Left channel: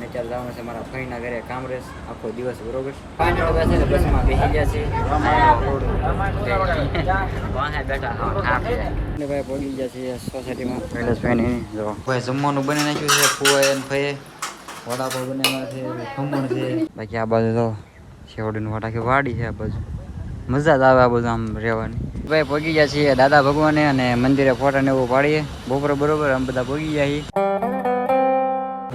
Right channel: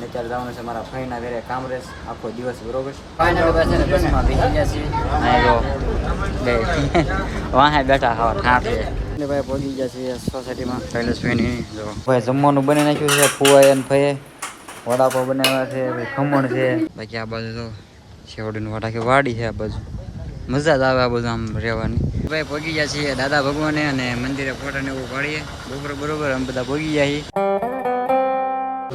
અને અત્યારે જવાનું છે મારા ભાઈના ઘરે કામરેજ આખો દિવસ બરોબર. ફાઇનલ પાસે બસમાં બેસી ગયા છે. વાહે બેઠા હા હાથે એટલે ભાઈ પહોંચી ગયા છે સોસાયટીમાં શૈલેષભાઈ જો ભાઈ જમવાનું બની નાખ્યું છે. ફુવાઈ અને ફઈએ વડાપાવ બનાવ્યા છે, ભાઈ ખમણ છે. બાકી આ બાજુ તો શેવડીનું વટાકી વાડી છે. આ બાજુ મજા જ આવે આ બધું આમ રહેવાની. ભાઈ પહોંચી ગયા છીએ દાદા ભગવાને અને મંદિરે ફોટા ને એવું પાડીએ બપોરે બરોબર અમે બધા પહોંચી ગયા છીએ.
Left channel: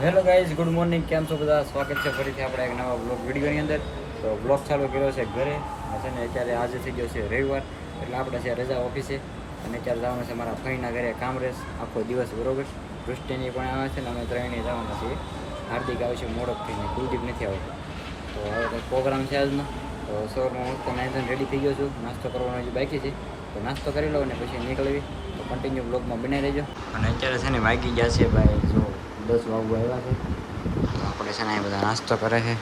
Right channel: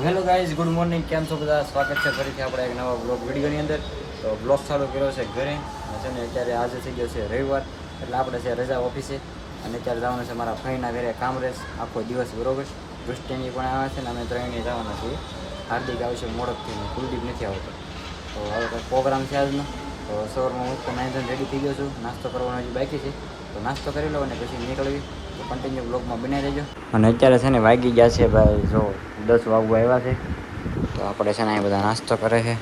Hello guys, good morning. કેમ છો બધા? સ્વાગત છે ફરીથી આપણે એક નવા બ્લોગ વિડીયોની અંદર. તો બ્લોગ ચાલુ કર્યો છે ઘરે છે ને. અત્યારે આજે થઈ ગયો છે રવિવાર, એટલે આપણે છે રજા ઓફિસે. અને અત્યારે જવાનું છે મારા ભાઈના ઘરે કામરેજ આખો દિવસ બરોબર. દૃષ્ટિની પણ આવે છે ને અમે ત્રણેય જવાના છીએ. હાર્દિક આવે છે મોડકથી ને કુલદીપ નથી આવતો. તો હવે કંઈક પ્રોગ્રામ છે આજનો. તો સવારમાં હું તો નાઈધન રેડી થઈ ગયો છું. નાસ્તો કરવાનો હજી બાકી છે, તો નાસ્તો કરી લો અને પછી નીકળવી. તો કન્ટિન્યુ બ્લોગમાં બની રહેજો. અને અત્યારે છે ને વાગી ગયા છે ભાઈ જો 10 વાગવા આવ્યા છે. તો આપણે છે ને અહીં બધા નાસ્તો કરે છે.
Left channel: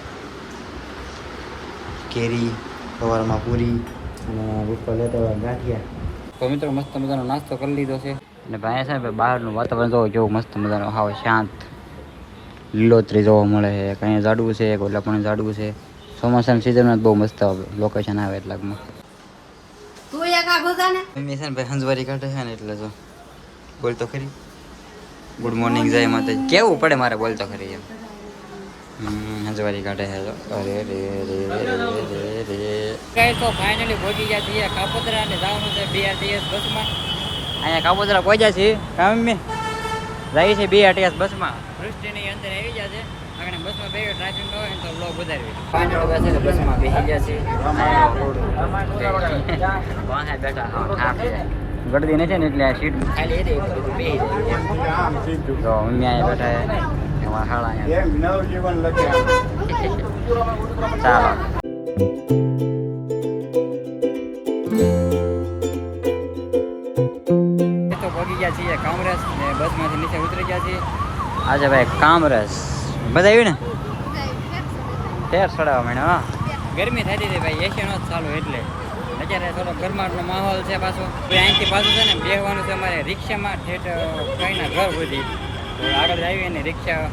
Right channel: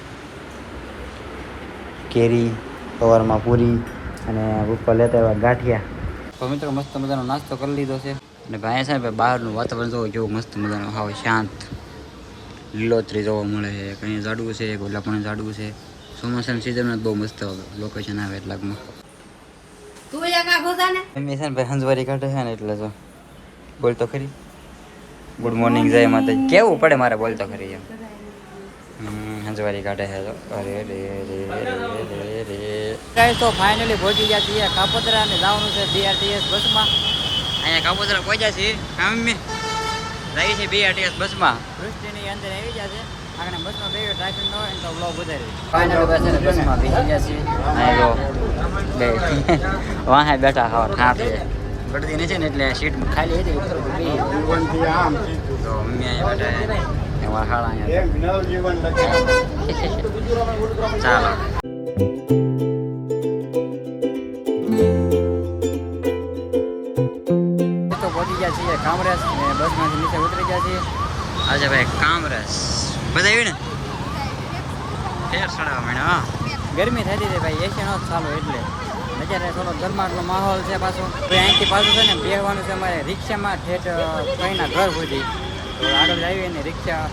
કેરી, સવારમાં પૂરી અને ઉપર લેતા એવા ગાંઠિયા. તો મિત્રો મસ્ત મજાનો નાસ્તો કરી લીધો છે. અને ભાઈ છે ને ભાઈ બહારનું વાતાવરણ જોવો કેવું મસ્ત મજાનું હાવ શાંત લીલોતરી જોવા મળે છે. કંઈ ઝાડવું છે, ઓલા પણ ઝાડવું છે. ચોમાસાની સિઝનમાં બહુ મસ્ત લોકેશન આવે એટલાકમાં. મમ્મી છે ને ભાઈ હંજવારી કાઢે છે ને એટલે જો બોલતો ખરી ગુડ મોર્નિંગ જય માતાજી કેવું પડે મારે બોલતો ખરી એમ. હંજવારી કાઢે છે. અરે રે રે રે રે રે તો ફાઇનલી પહોંચી ગયા છીએ કાપોદ્રા અને જવાનું છે BRTS બસમાં. અહીંયા કાપોદ્રા પહોંચ્યા છીએ. મમ્મી જાય છે BRTS બસમાં. વૃષ્ટિની અંદર આવી ગયા છે. આગળ બસમાં બે ટ્રાફિક ન હોય તો બ્લોગ વધારવી. ફાઇનલી પાસે બસમાં બેસી ગયા છે. વાહે બેઠા હા હાથે ગળદી નથી ને એટલે સીટ ખાલી હતી બેસી જાય. તો મમ્મી અહીંયા બેઠા એમાં હાળા અહીંયા ચાલો. તો પહોંચી ગયા છીએ કામરેજ ને બસમાંથી નીચે ઉતરી ગયા છીએ. આજે ભાઈ કામરેજ બધા આવી ને ફેર ચડાવવા માંડ્યો. હા ગરમી થતી હતી ભાઈ, એસી નો જ ચાલુ એટલે. અત્યારે થોડો ગરમાટનો માહોલ છે પાછો. તો અહીંથી પાછું છે ને બેસવાનું છે અમારે રિક્ષામાં ઠેઠ ભાઈના ઘર સુધી. તો આગળ આવી અને રિક્ષા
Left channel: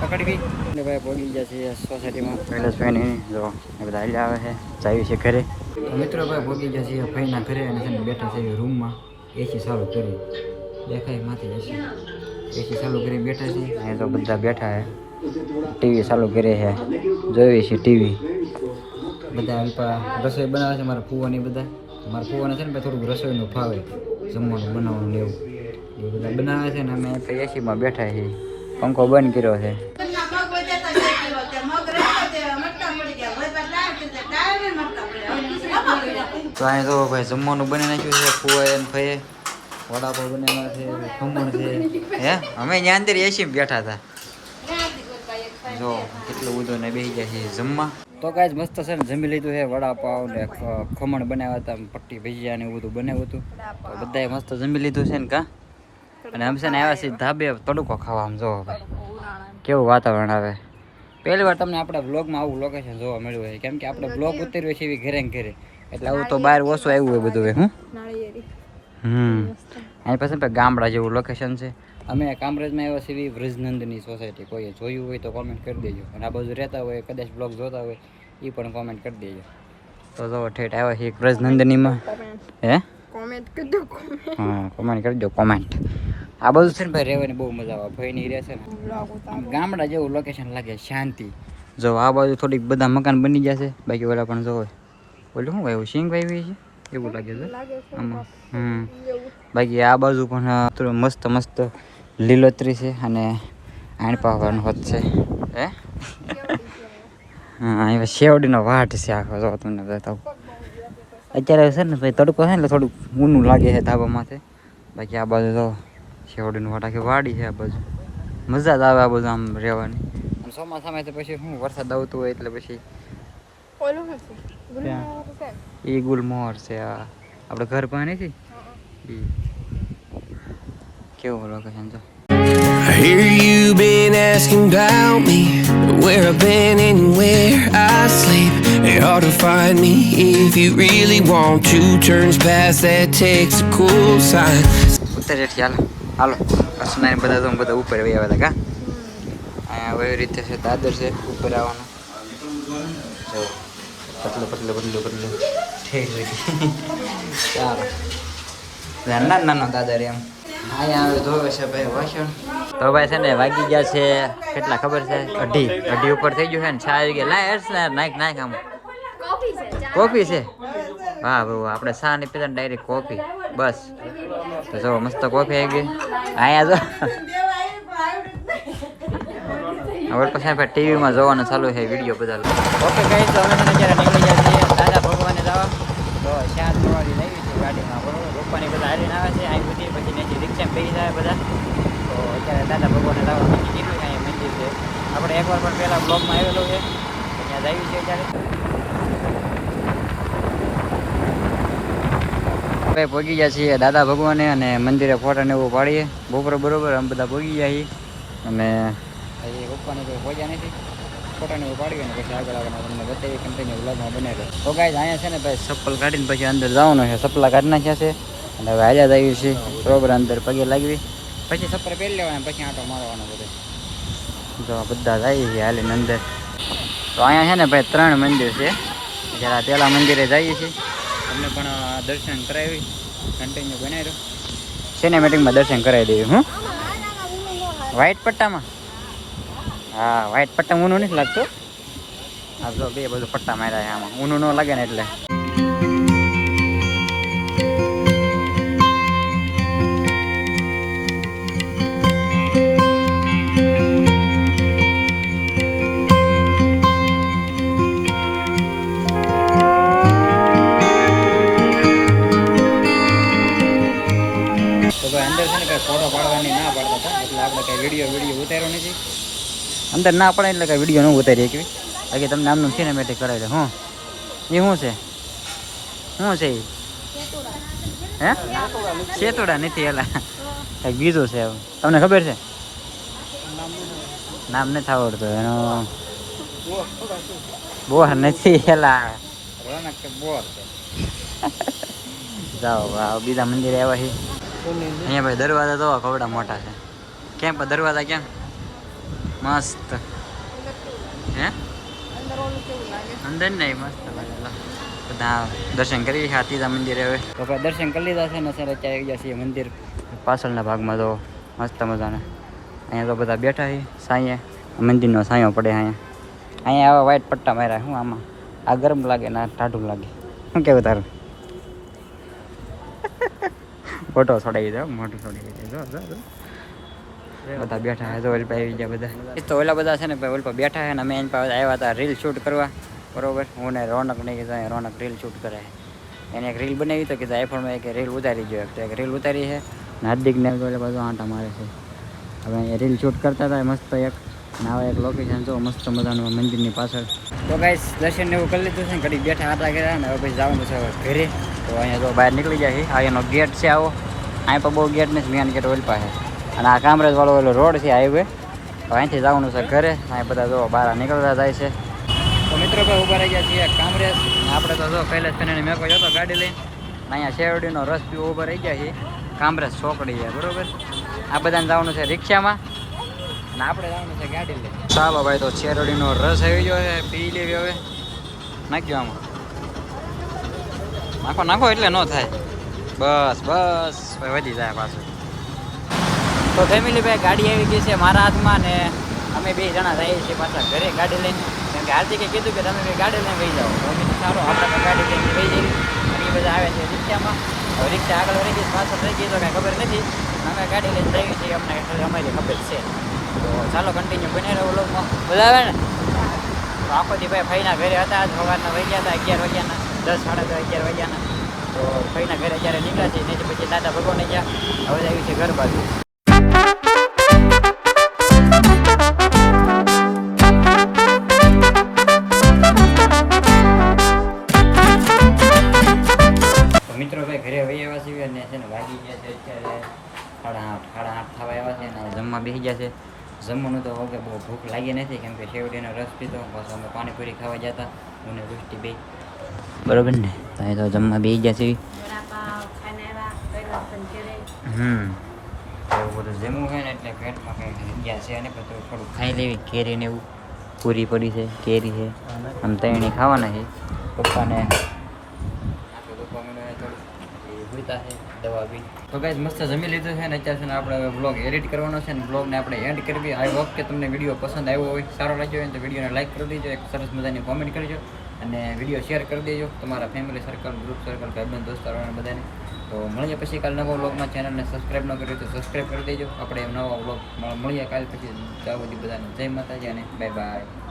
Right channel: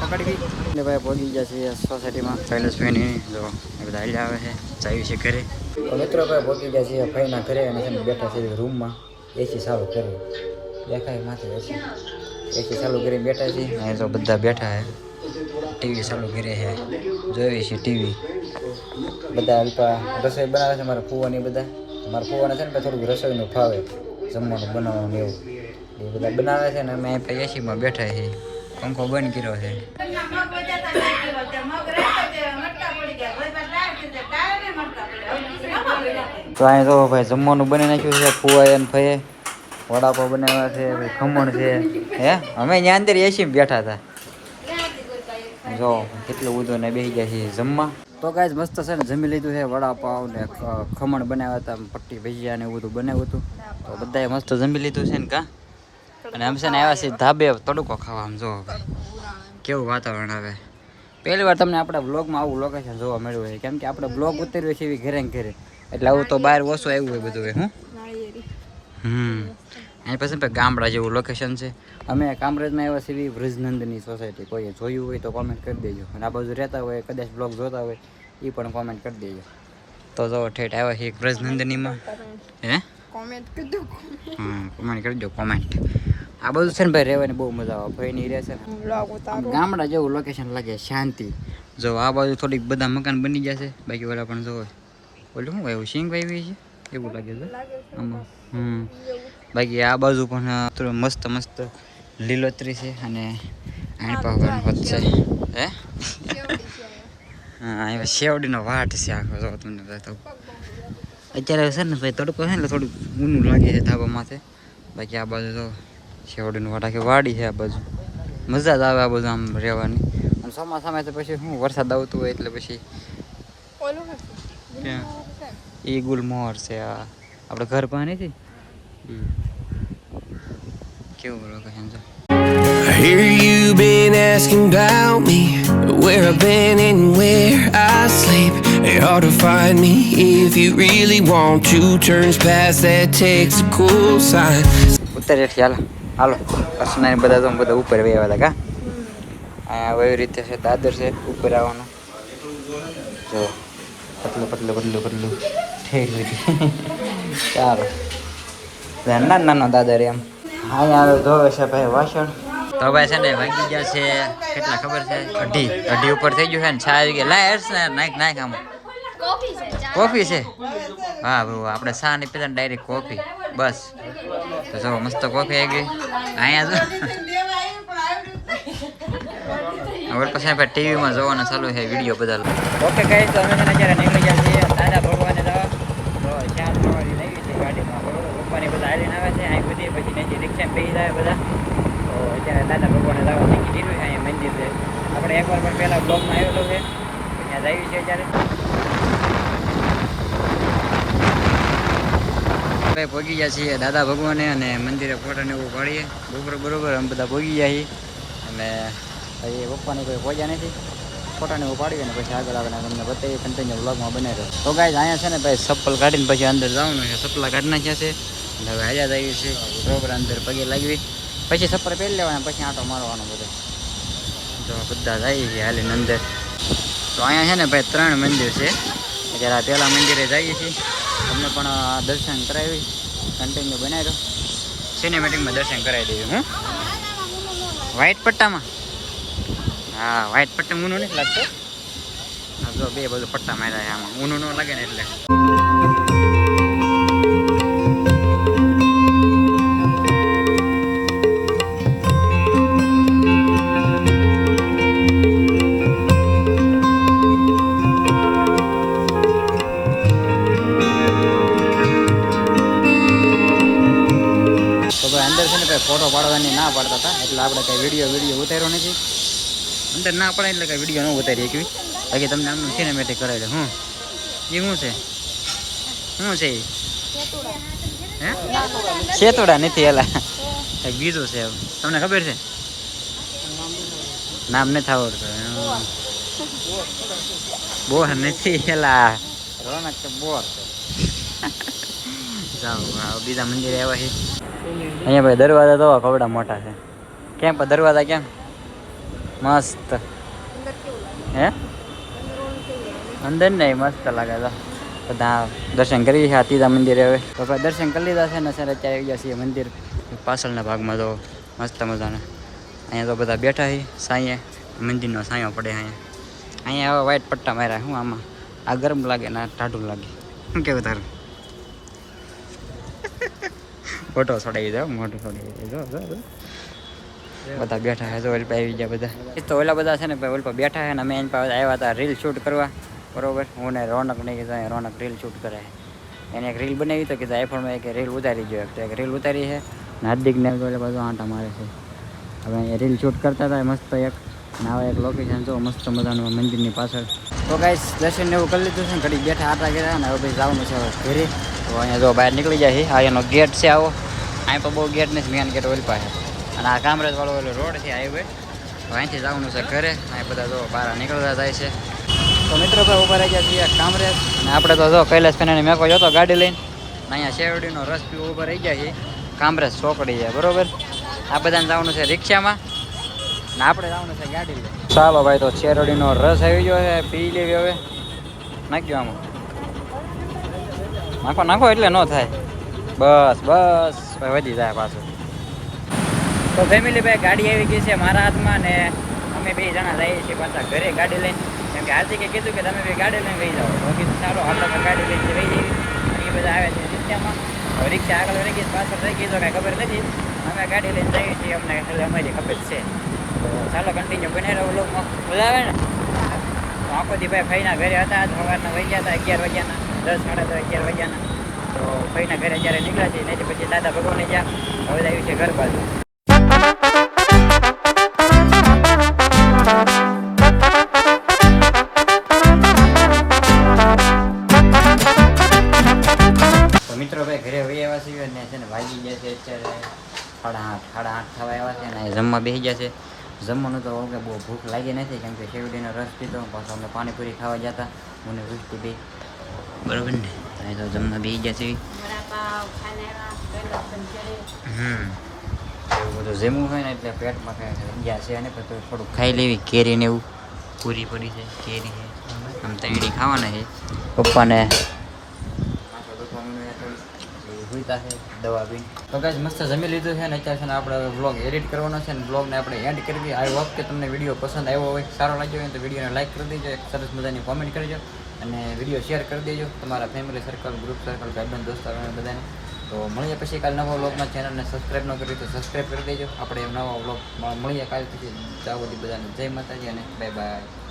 પકડવી. એટલે ભાઈ પહોંચી ગયા છીએ સોસાયટીમાં શૈલેષભાઈ જો એ બધા હાલ્યા આવે છે. જાય છે ઘરે. તો મિત્રો ભાઈ પહોંચી ગયા છીએ ભાઈના ઘરે અને છે ને બેઠા છે રૂમમાં. એસી ચાલુ કરી દેખાય માથે એસી ચાલુ કરીને બેઠા છીએ. અહીં તો બધા બેઠા છે. ટીવી ચાલુ કરે છે, જોઈએ છે ટીવી. બધા અલ્પા રસોઈ બનાવે છે મારા ફુવાની બધા. મારા ફુવાને છે ને થોડુંક રસોઈનું ફાવે, જમવાનું બનાવવાનું એવું એ બધા બનાવે છે ને અમે એસીમાં બેઠા છીએ. પંખો બંધ કર્યો છે. તો અહીં તો ભાઈ જમવાનું બની નાખ્યું છે. ફુવાઈ અને ફઈએ વડાપાવ બનાવ્યા છે, ભાઈ ખમણ છે. હે અમે ત્યાં અંદર એસીમાં બેઠા હતા. જો કેટલું બધું ને બેસી ગયા છે જમવા. તો કાંઈ મસ્ત છે ને જમી લીધું છે. વડાપાવ ને ખમણ બનાવ્યા હતા, પટ્ટી ભજીયા ને એવું બધું બનાવ્યું હતું. તો બધાએ મસ્ત જમી લીધું છે ને કા. અને અમે છે ને આવ્યા છીએ ધાબે તડકો ખાવા. આમ જો ભાઈ કેવું વાતાવરણ આવે. પહેલી વાર તમને આપણા બ્લોગમાં આવું લોકેશન જોવા મળ્યું હોય, કેમ કે આપણે બ્લોગ ઉતર્યો છે એવી ઘરે ને ઘરે, એટલે આવું તો બહાર ઓછું આવ્યું હોય બધું હોય. અહીં પછી ગામડા જેવું લોકેશન છે. અમે કામરેજમાં આવ્યા છીએ વ્રજનંદની સોસાયટી. કોઈએ જોયું હોય તો કોમેન્ટ કરી દેજો. અને આ બાજુ રહેતા હોય કદાચ બ્લોગ જોતા હોય એ પણ કોમેન્ટ કરી દેજો. તો જો ઠેઠ આવ્યા છીએ વ્રજનંદનીમાં. હે કોમેન્ટ કરજો. હા કોમેન્ટ કરજો કોમેન્ટ. આ બધું છે ને ભાઈ રહેવાની બહુ મજા આવે. ભાઈની રહે છે ને ગામડા જેવું લોકેશન લાગે, શાંતિ. જો આ બાજુ થોડીક બધા મકાન બની ગયા છે, બાકી ઓલા પણ જો ઓલું શું વાવ્યું સિંગ વાવી છે એવું લાગે છે આમાં. બાકી આ બાજુ પણ મસ્ત મસ્ત લીલોતરી છે અને આણ પાવાનું હોત છે. હે હા શેવડીનો વાટ છે આખો. જો તમને બતાવું અત્યારે છે ને ભાઈ તડકો છે ને એટલે થોડુંક ઊનું લાગે છે ધાબા માથે. બાકી આ બાજુ તો શેવડીનું વાટ આખી વાડી છે. આ બાજુ મજા જ આવે આ બધું આમ રહેવાની. અને ચોમાસામાં તો પછી શું વરસાદ આવતો હોય એટલે પછી ત્યાં એ ગુલમોહર છે. આ આપણે ઘર પાસે નથી કેવું લોકેશન છે. I hear you been asking about me, where I've been and where I sleep. It's hard to find me if you really want to. Turns past that takes a cool sign. ઉતરે હાલો હાલો અસના બધા તો બધા ઉપર આવ્યા હતા કા. અહીંયા એવી રીતે છે દાદર છે ઉપર આવવાનું જો પતલું પતલું પતલું પતલું ઠેર હોય ચાલો નાનો નાનો દાદર એમ અહીંયા હવે ધોવે છે ભાઈ વાસણ તો ભાઈ છે ને વાગી ગયા છે કેટલા ખબર છે અઢી ઉપર થઈ ગયું છે ને 6 વાગી ગયા લાય હર્ષ ને નાખ આમ કોફી છે વાહ બહુ આપણે ચા નહીં પીતા ડાયરેક્ટ કોફી બસ તો જો મસ્ત કોફી આવી ગઈ અહીંયા જો હવે પછી આપણે ટીવીમાં જોવાનું ચાલુ છે વિડીયો બધા ઓકે ગાઈસ તો અમે છે ને અત્યારે નીકળી ગયા છીએ દાદા ભગવાને જવા તો 4 વાગે આવી છે ગાડીમાં પપ્પાની બધા હારીને આવે છે અહીં બધી પછી ત્યાંથી રિક્ષા બેસી જાય બધા દાદા ભગવાને જવા કીધું અહીંયા મંદિર છે આપણે એકવાર પણ પહેલાં બ્લોગમાં આવેલો છે ત્યાં જઈએ છીએ ત્યારે ભાઈ પહોંચી ગયા છીએ દાદા ભગવાને અને મંદિરે ફોટા ને એવું પાડીએ બરોબર અમે બધા પહોંચી ગયા છીએ અને એ પપ્પાની કોઈ પહોંચ્યા નથી ફોટા ને એવું પાડીએ ને પછી આગળ તમને બતાવીએ કન્ટિન્યુ બ્લોગમાં બનાવી તો ગાઈઝ અહીંયા છે ને ભાઈ ચપ્પલ કાઢીને પછી અંદર જવાનું છે ચપ્પલા કાઢી નાખ્યા છે અને હવે હાલ્યા જઈએ છીએ બરોબર અંદર પગે લાગવી પછી ચપ્પલ પહેરી લેવાના પછી આંટો મારવાનો બધે જો બધા જઈએ છીએ હાલીને અંદર તો અહીંયા છે ને ભાઈ 3 મંદિર છે જ્યારે પહેલાં મંદિરે જઈએ છીએ તમને પણ દર્શન કરાવી કન્ટિન્યુ બનાવી દો સિનેમેટિકમાં દર્શન કરાવી દઈએ હું વ્હાઈટ પટ્ટામાં હા વ્હાઈટ પટ્ટા ઊનું નથી લાગતું આ જો બે બધું પટ્ટા માર્યા છે આમાં ઊનું ન લાગે ને એટલે અંદર છે ને કઈ ફોટો પાડવાની ના પાડતા હતા એટલે આપણે કઈ વિડીયો ઉતાર્યો નથી અંદર ના પડે એટલે કઈ વિડીયો ન ઉતારી શકવી બાકી તમને આમનું સિનેમેટિક કરાવી દે હું એ શું છે હે શેતોડા નથી એલા કંઈક બીજું છે તમને ખબર છે નામ નથી આવડતું એનો બોર નથી એલા રોનક કે બોર છે જાઓ બીજા મંદિરે આવ્યા છે અહીંયા ભાઈ દરવાજા તો કવડા મોટા છે કેમ પણ દરવાજા કેમ મસ્ત હે અંદર નહીં મસ્ત લાગે છે બધા દર્શન કરી છે ત્રીજા મંદિરે હવે તો ભાઈ દર્શન કરી લીધા છે ને સર અત્યારે આવી ગયા છીએ મંદિર પાછળના ભાગમાં તો મસ્ત મજાના અહીંયા તો બધા બેઠા છે સાંયે મંદિરનો સાંયો પડે અહીંયા આવા વ્હાઈટ પટ્ટા માર્યા શું આમાં આ ગરમ લાગે ને આ ટાઢું લાગે શું કેવું તારું ફોટો છોડાવી દો મોટું છોડાવી દો બધા બેઠા છે તો ઓલપા આવી ગયા બધા એ તો ઓલા બધા છે ને ભાઈ ઓલપા બેઠા છે ને અમે એની પાસે આવ્યા હતા રીલ શૂટ કરવા બરોબર હું ને રોનક નહીં કીધું રોનક રીલ શૂટ કરે એને એક રીલ બનાવી તો કીધું આઈફોનમાં એક રીલ ઉતારી ગયો એક રીલ ઉતારી છે ને હાર્દિકને ઓલા બધું આંટા મારે છે હવે અહીંયા રીલ શૂટ કરતા હતા મસ્ત એક નાવા એક લોકેશન જો મસ્ત મજાનું મંદિરની પાછળ તો ગાઈસ દર્શન ને એવું કરી લીધું છે ને ઘડી બેઠા આટા કર્યા ને હવે પછી જવાનું છે હવે ઘરે તો અહીંયા જો બહાર નીકળી જાય છે આ એનો ગેટ છે આવો અહીં પણ બહુ ગેટ નથી મેન ગેટ ઓલ પાસે અને આ કામરેજ વાળો ઓલો રોડ છે હાઈવે તો અહીંથી જવાનું છે ઘરે અહીં બધા જો બહાર નીકળતા જાય છે તો મિત્રો ભાઈ ઉભા રહી ગયા છીએ કામરેજ આપણે તો જો કૈલાસ ખાનાની મેકો જતો ગાડી લઈને અહીંયા શેરડીનો રસ પીવો ઉભા રહી ગયા છીએ કામરેજ ચોકડી છે બરોબર આ બધાને જવાનું છે રિક્ષામાં અને આપણે જવાનું છે ગાડી લઈને ચાલો ભાઈ તો શેરડીનો રસ આવી ગયો છે પી લેવી હવે નાખ્યો આમાં નાખો એટલે ન થાય બસ ભાઈ વધી જાય પાછું તો ફેમિલી ભાઈ ગાડી આવી ગઈ છે મારા હાથમાં ને અમે 2 જણા જઈએ છીએ પાછા ઘરે ગાડી લઈને કેમ કે હાર્દિકે કીધું કે તમે ગાડી લઈને વહી જાઓ બાકી ચાલો આપણે પણ ગાડી લઈને વહી જઈએ એ બધા આવ્યા છે રિક્ષામાં હવે રિક્ષા આગળ રહી ગઈ પાછળ રહી ગઈ તો કાંઈ ખબર નથી અમે ગાડી લઈને આવી છીએ અમને અમારી ખબર છે તો ચાલો કન્ટિન્યુ બને રહો લોકમાં બોલાવે ને તો આપણે ભાઈ ફઈના ઘરે હતા સવારના વહી ગયા હતા 11 વાગ્યાના 10 સાડા 10 11 વાગ્યાના તો ફઈના ઘરે જ્યારે નીકળ્યા છીએ નહીં પછી દાદા ભગવાને ગયા હવે આવી છે ઘર બાજુ મિત્રો ભાઈ ઘરે વહી આવ્યા છીએ અને છે ને વાગી ગયા છે અત્યારે 8:30 થવા આવ્યા છે અને જમવા બેસી ગયા છે જમવાનું તો વગર બહુ ભૂખ લાગી નથી કેમ કે શેવડીનો રસ પીતો પાછો અમે પાણીપુરી ખાવા જતા હું ને વૃષ્ટિ બે બરોબર ને અહીં તો જમવા બેસી ગયા છે એવું બધું જમવું હોય ને એટલે પેટમાં કાંઈ ગયા છે અને પછી થોડુંક ખાઈ લેવી કેરી ને એવું પૂરી પડી છે કેરી છે આમ તૈણી ખાવાના છે પપ્પાને માથું દુખવા માંડ્યું થોડું પછી હુઈતા છે દવા બી તો ગાઈસ મસ્ત જમી લીધું છે ને અત્યારે છે ને આપણે વ્લોગ એડિટ કરવાનો છે ને વ્લોગને આપણે એન્ડ કરવી આઈ હોપ કે તમને વિડીયો પસંદ આવ્યો હોય સારો લાગ્યો હોય તો વિડીયોને લાઈક કરી દેજો એક સરસ મજાની કોમેન્ટ કરજો અને વિડીયો શેર કરી દેજો તમારા ફેમિલી સર્કલ ગ્રુપ સર્કલ ભાઈબંધ દોસ્તારોને બધાને તો મળીએ પછી કાલે નવા વ્લોગમાં ચેનલને સબસ્ક્રાઈબ ન કરી તો સબસ્ક્રાઈબ કરી દેજો આપણે નવા વ્લોગ મળીએ કાલે પછી ત્યાં બધી બધાને જય માતાજી અને બાય બાય.